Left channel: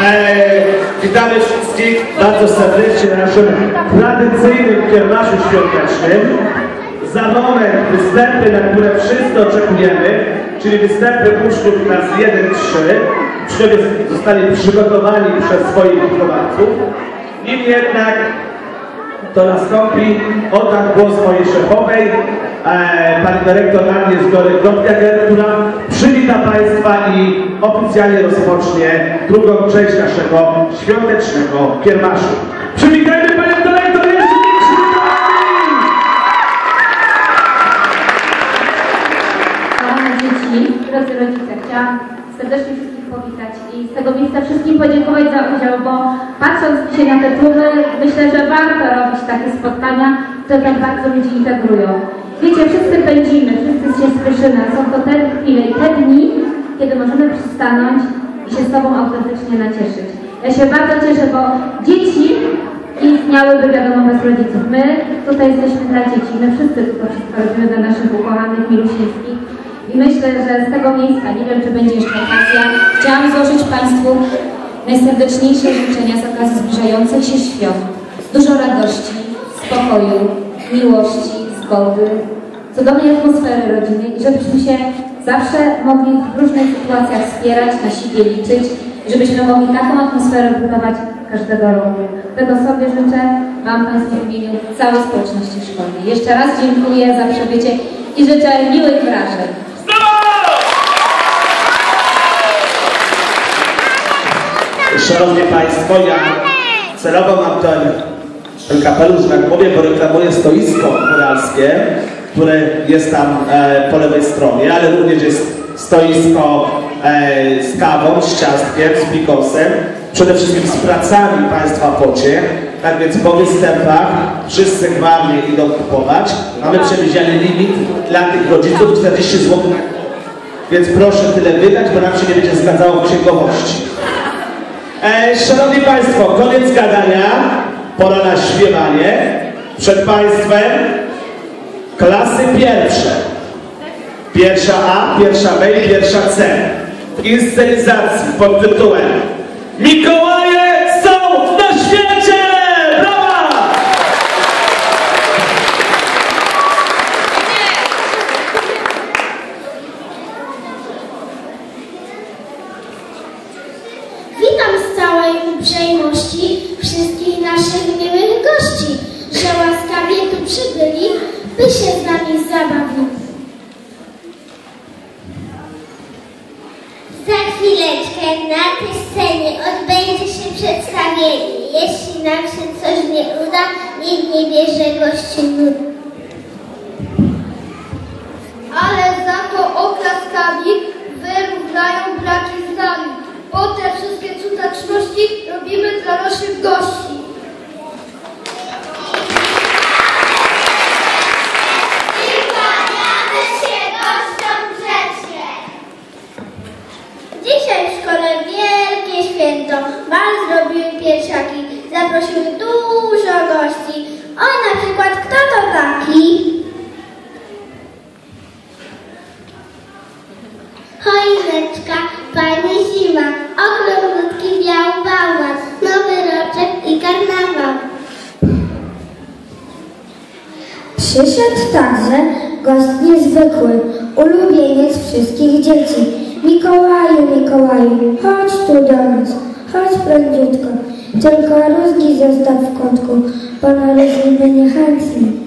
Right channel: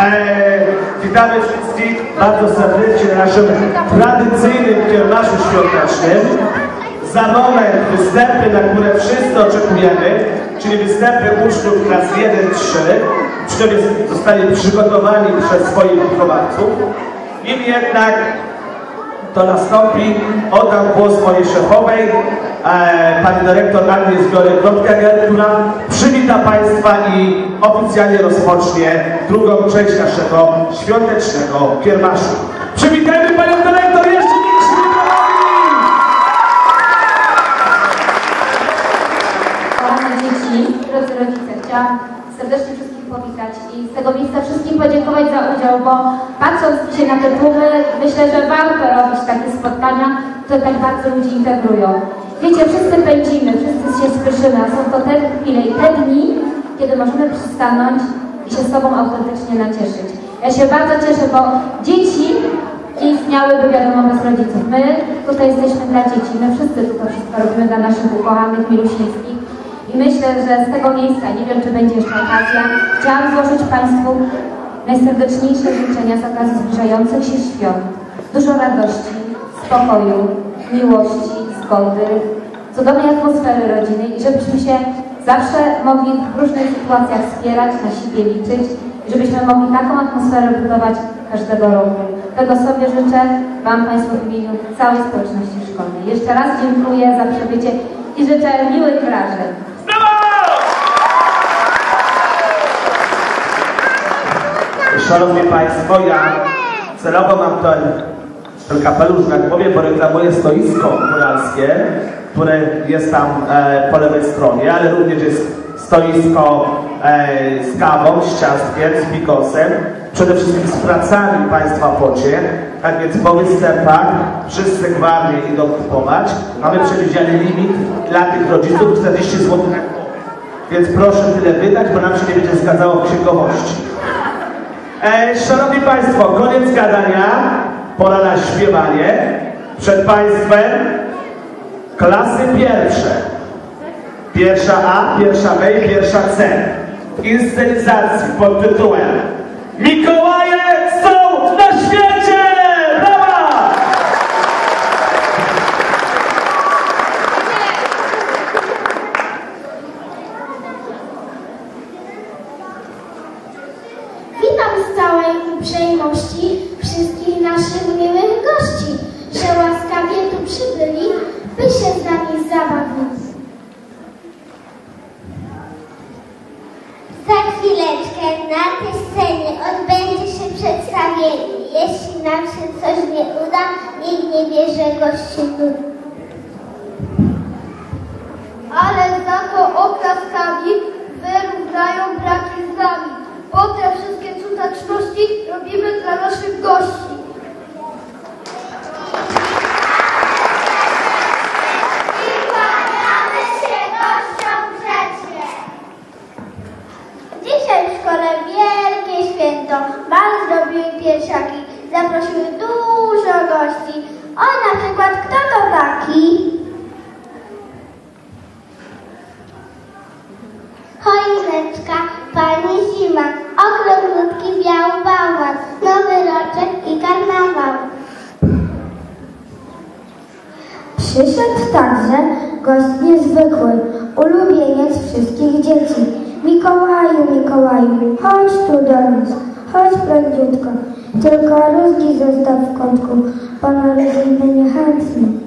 Eee, witamy wszystkich bardzo serdecznie na naszym tradycyjnym kiermaszu świątecznym. Za moment występy, na które wszyscy oczekujemy, czyli występy uczniów klas 1-3. Uczniowie zostali przygotowani przez swoich wychowawców. Nim jednak to nastąpi, oddam głos mojej szefowej, e, pani dyrektor Agnies Biorek-Klotkeger, która przywita Państwa i oficjalnie rozpocznie drugą część naszego świątecznego kiermaszu. Przywitajmy Panią dyrektor jeszcze! Kochane dzieci, drodzy rodzice, chciałam serdecznie i z tego miejsca wszystkim podziękować za udział, bo patrząc dzisiaj na te tłumy, myślę, że warto robić takie spotkania, które tak bardzo ludzi integrują. Wiecie, wszyscy pędzimy, wszyscy się spieszymy, a są to te chwile i te dni, kiedy możemy przystanąć i się z sobą autentycznie nacieszyć. Ja się bardzo cieszę, bo dzieci nie istniałyby, wiadomo, bez rodziców. My tutaj jesteśmy dla dzieci, my wszyscy to wszystko robimy dla naszych ukochanych, milusińskich. I myślę, że z tego miejsca, nie wiem czy będzie jeszcze okazja, chciałam złożyć Państwu najserdeczniejsze życzenia z okazji zbliżających się świąt. Dużo radości, spokoju, miłości, zgody, cudownej atmosfery rodziny i żebyśmy się zawsze mogli w różnych sytuacjach wspierać, na siebie liczyć i żebyśmy mogli taką atmosferę budować każdego roku. Tego sobie życzę Wam Państwu w imieniu całej społeczności szkolnej. Jeszcze raz dziękuję za przybycie i życzę miłych wrażeń. Szanowni Państwo, ja celowo mam ten, ten kapelusz, tak powiem, bo reklamuję stoisko góralskie, które jest tam e, po lewej stronie, ale również jest stoisko e, z kawą, z ciastkiem, z bigosem, przede wszystkim z pracami Państwa pocie. Tak więc po występach wszyscy gwałtnie idą kupować. Mamy przewidziany limit dla tych rodziców 40 zł na. Więc proszę tyle wydać, bo nam się nie będzie zgadzało księgowości. E, szanowni Państwo, koniec gadania, pora na śpiewanie. Przed Państwem klasy pierwsze. Pierwsza A, pierwsza B i pierwsza C. W inscenizacji pod tytułem Mikołaje są na świecie! Brawa! Witam z całej uprzejmości wszystkich naszych miłych gości, że łaskawie tu przybyli, by się z nami zabawić. Za chwileczkę na tej scenie odbędzie się przedstawienie. Jeśli nam się coś nie uda, nikt nie bierze gości. Ale za to oklaskami wyrównają braki z nami, bo te wszystkie cudeczności robimy dla naszych gości. Dzisiaj w szkole wielkie święto. Bal zrobiły piersiaki. Zaprosiły dużo gości. O, na przykład kto to taki? Choineczka, pani zima, okrągłutki, biały bałwan, nowy roczek i karnawał. Przyszedł także gość niezwykły, ulubieniec wszystkich dzieci. Chodź tu do nas, chodź prędziutko. Tylko rózgi zostaw w kątku, bo na rózgi my niechętni.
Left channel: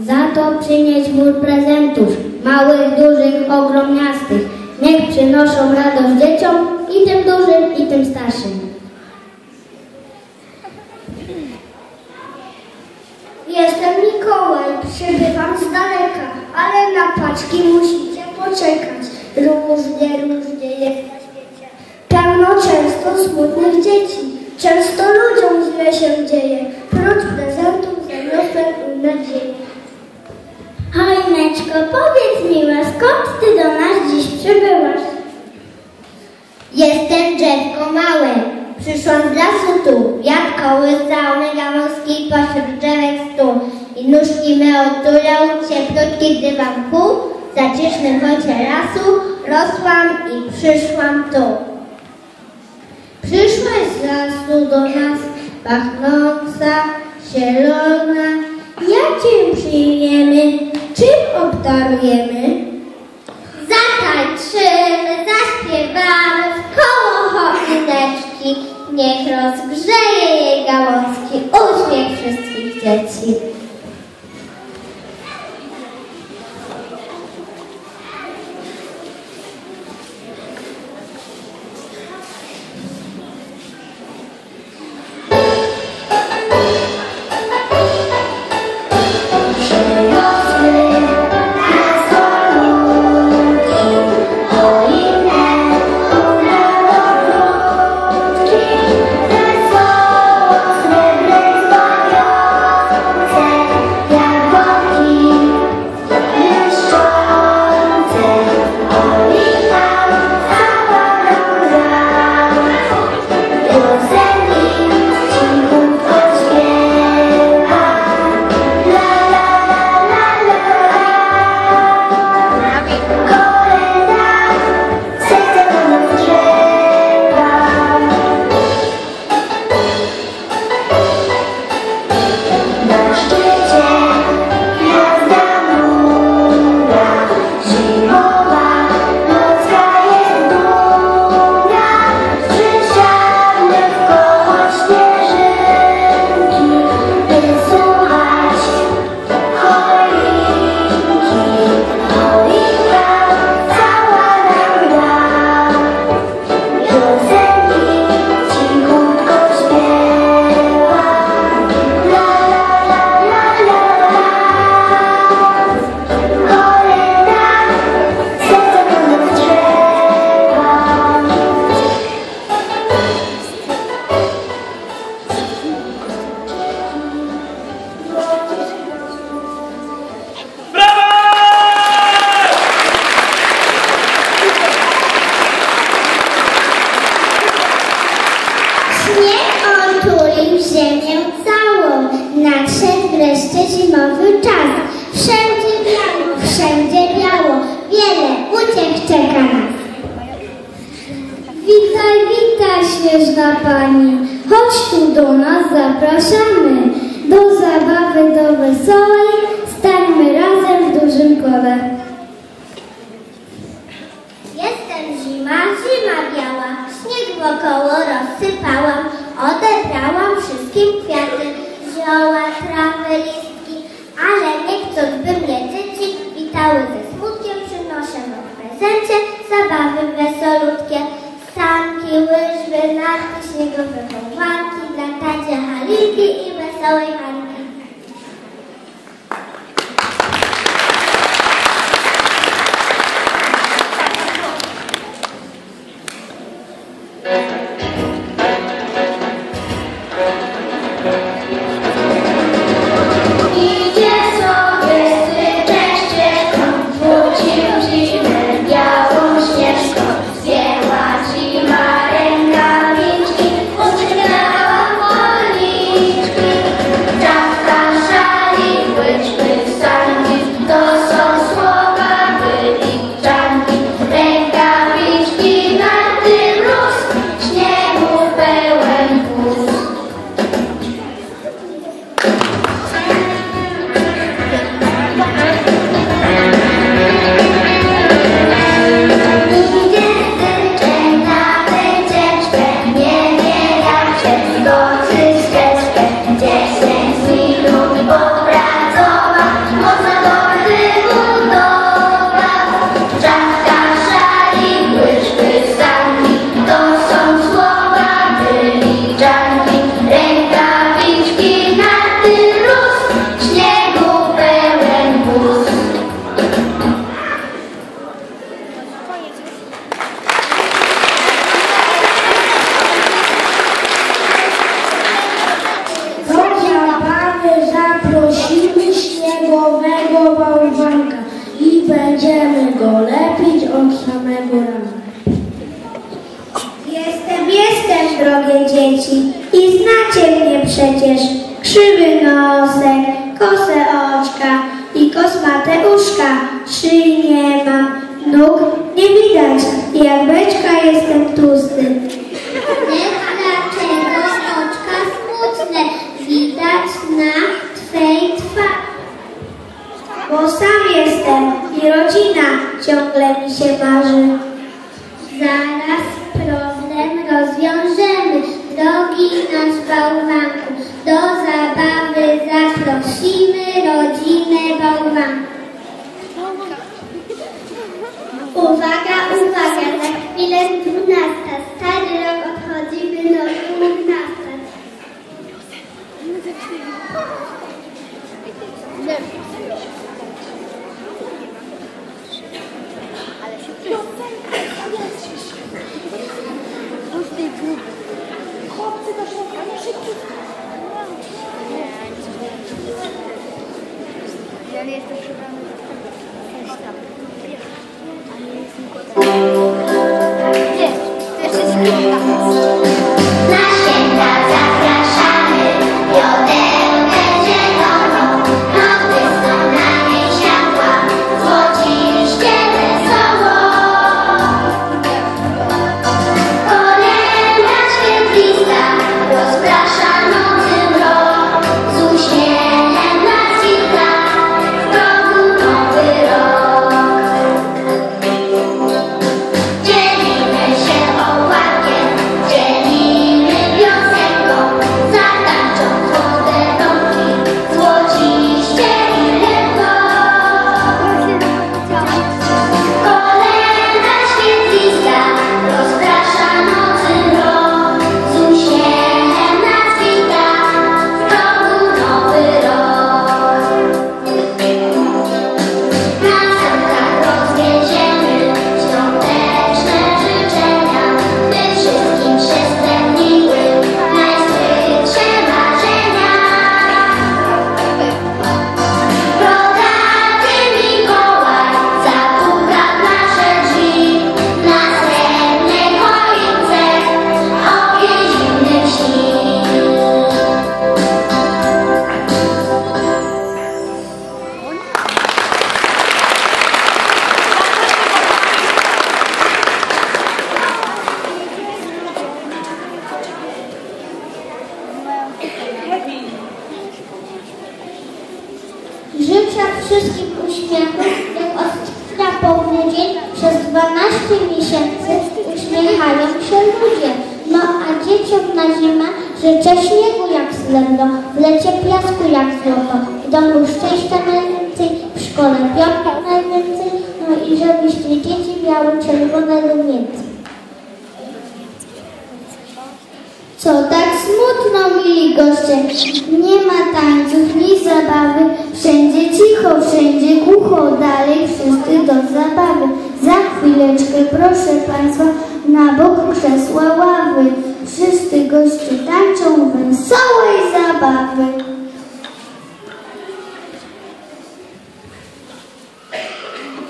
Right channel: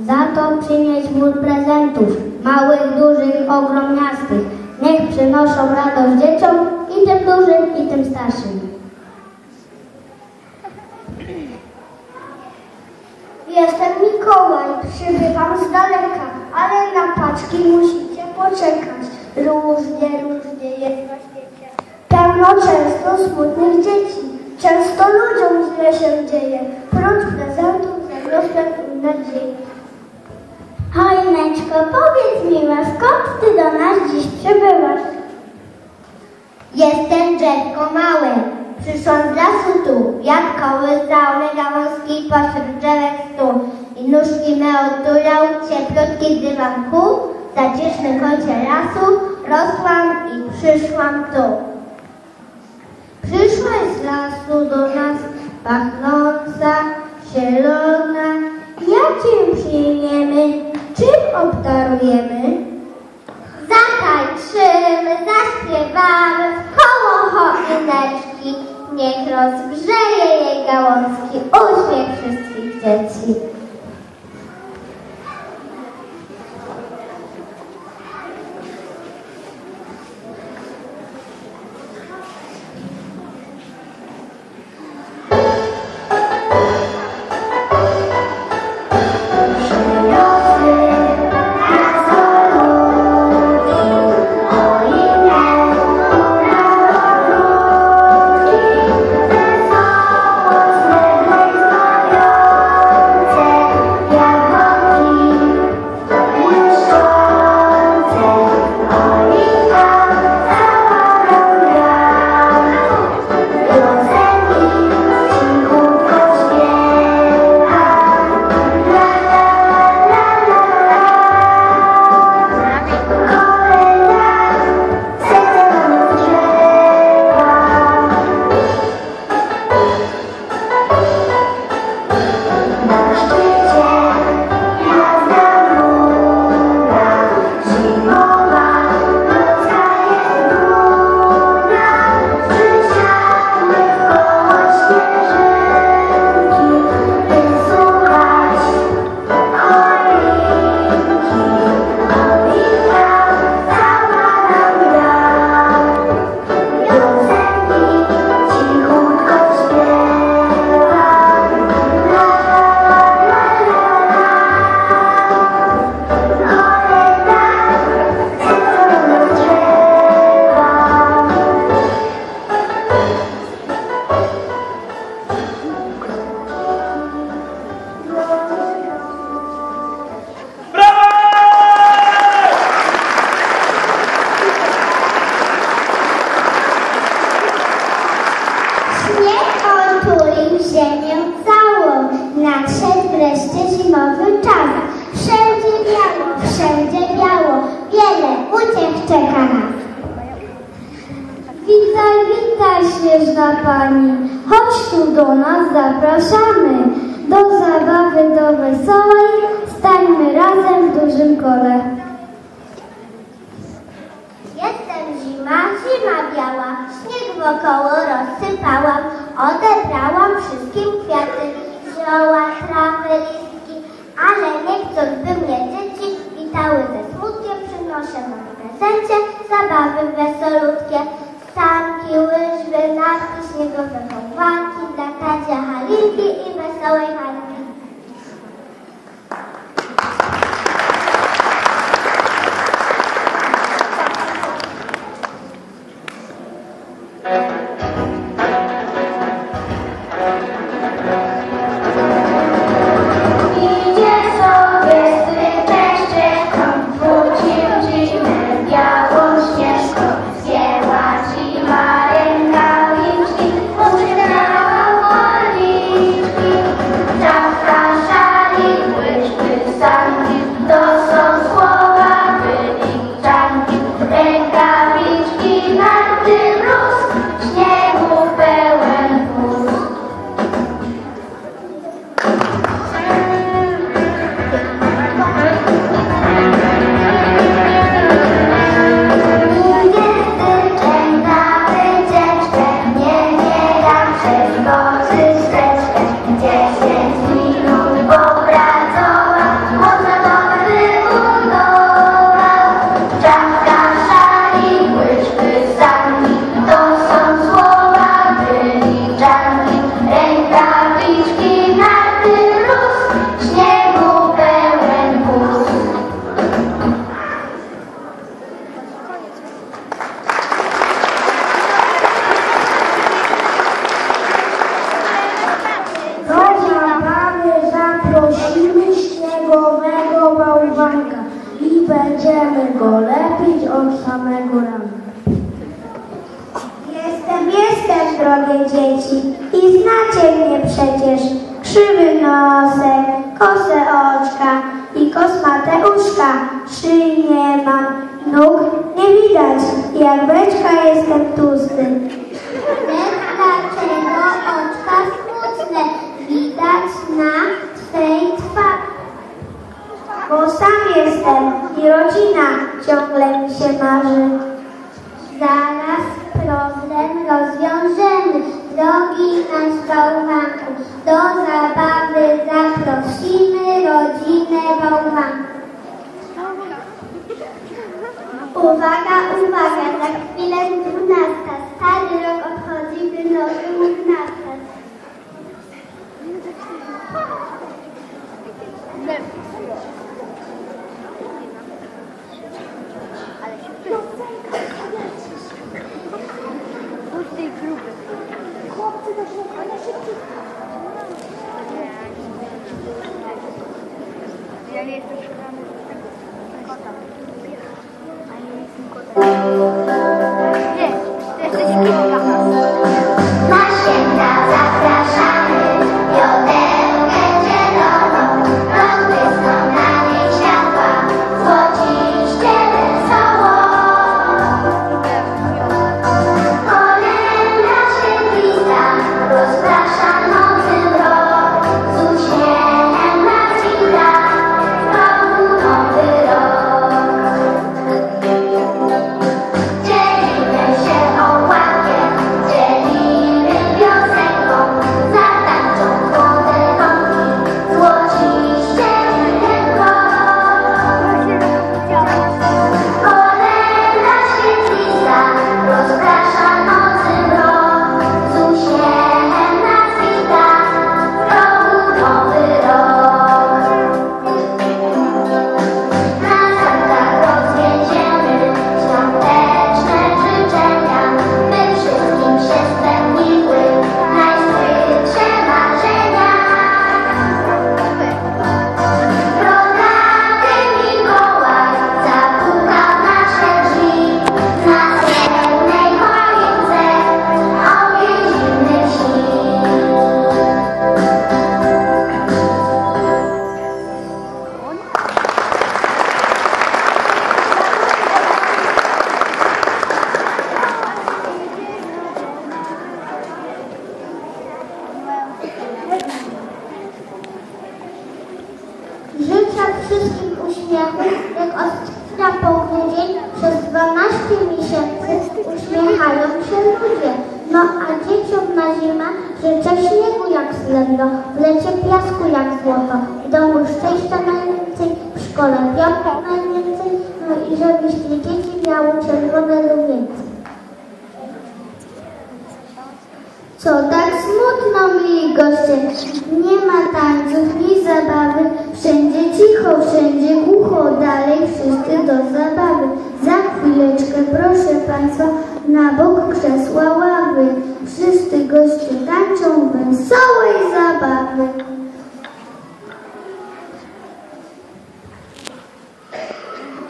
Za to przynieś mur prezentów, małych, dużych, ogromniastych. Niech przynoszą radość dzieciom i tym dużym, i tym starszym. Jestem Mikołaj, przybywam z daleka, ale na paczki musicie poczekać. lasu rosłam i przyszłam tu. Przyszłaś z lasu do nas, pachnąca, zielona. Jak cię przyjmiemy, czym obdarujemy? Zatańczymy, zaśpiewamy w koło choineczki. Niech rozgrzeje jej gałązki uśmiech wszystkich dzieci. Śnieżna pani. Chodź tu do nas, zapraszamy. Do zabawy, do wesołej. Stańmy razem w dużym kole. Jestem zima, zima biała, śnieg wokoło rozsypałam, odebrałam wszystkim kwiaty, Szyi nie mam, nóg nie widać, jak beczka jestem tłusty. Nie Louva Nie ma tańców, ni zabawy, wszędzie cicho, wszędzie głucho, dalej wszyscy do zabawy. Za chwileczkę, proszę Państwa, na bok krzesła ławy. Wszyscy goście tańczą wesołej zabawy.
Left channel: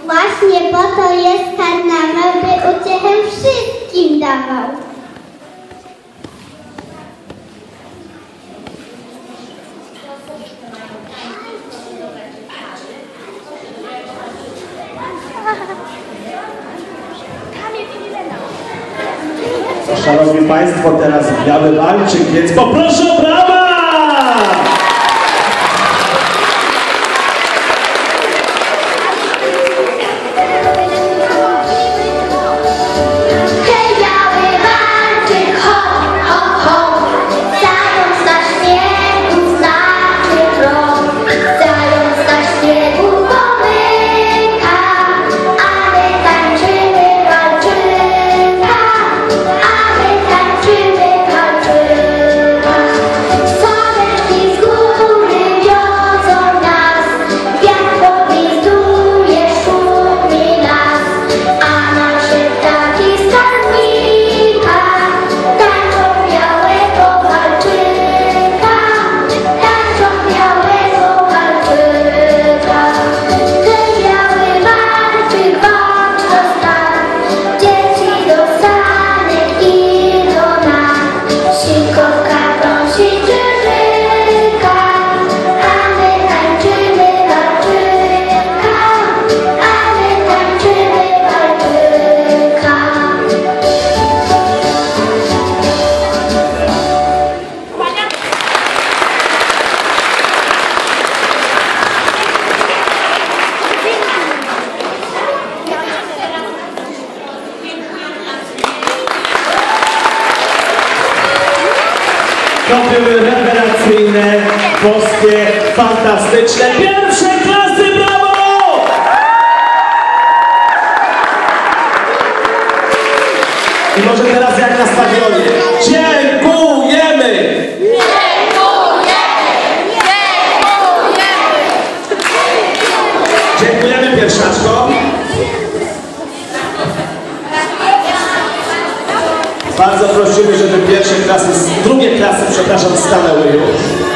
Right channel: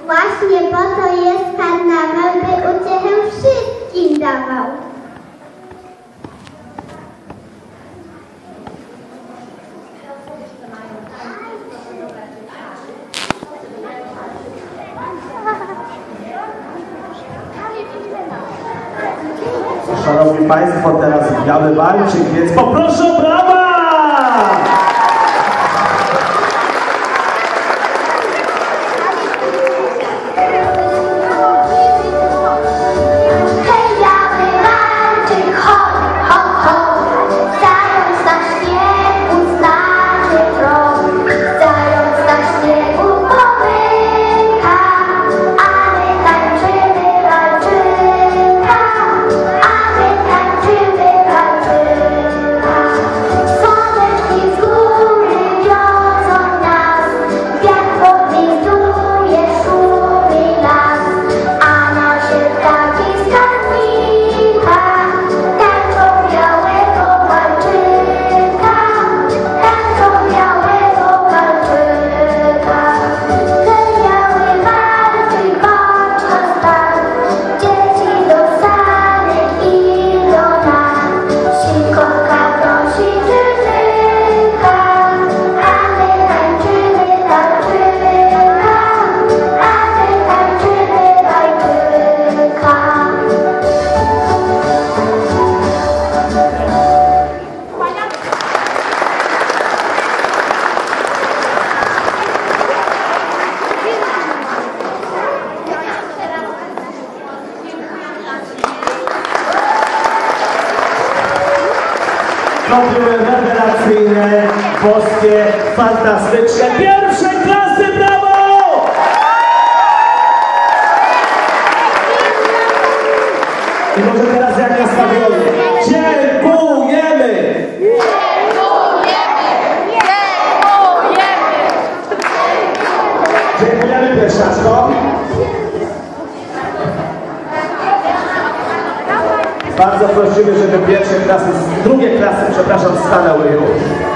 Właśnie po to jest karnawał, by uciechę wszystkim dawał. Marczykiec. Poproszę o fantastyczne pierwsze klasy, brawo! I może teraz jak na stadionie. Dziękujemy! Dziękujemy pierwszaczko. Bardzo prosimy, żeby pierwsze klasy, drugie klasy, przepraszam, stanęły już.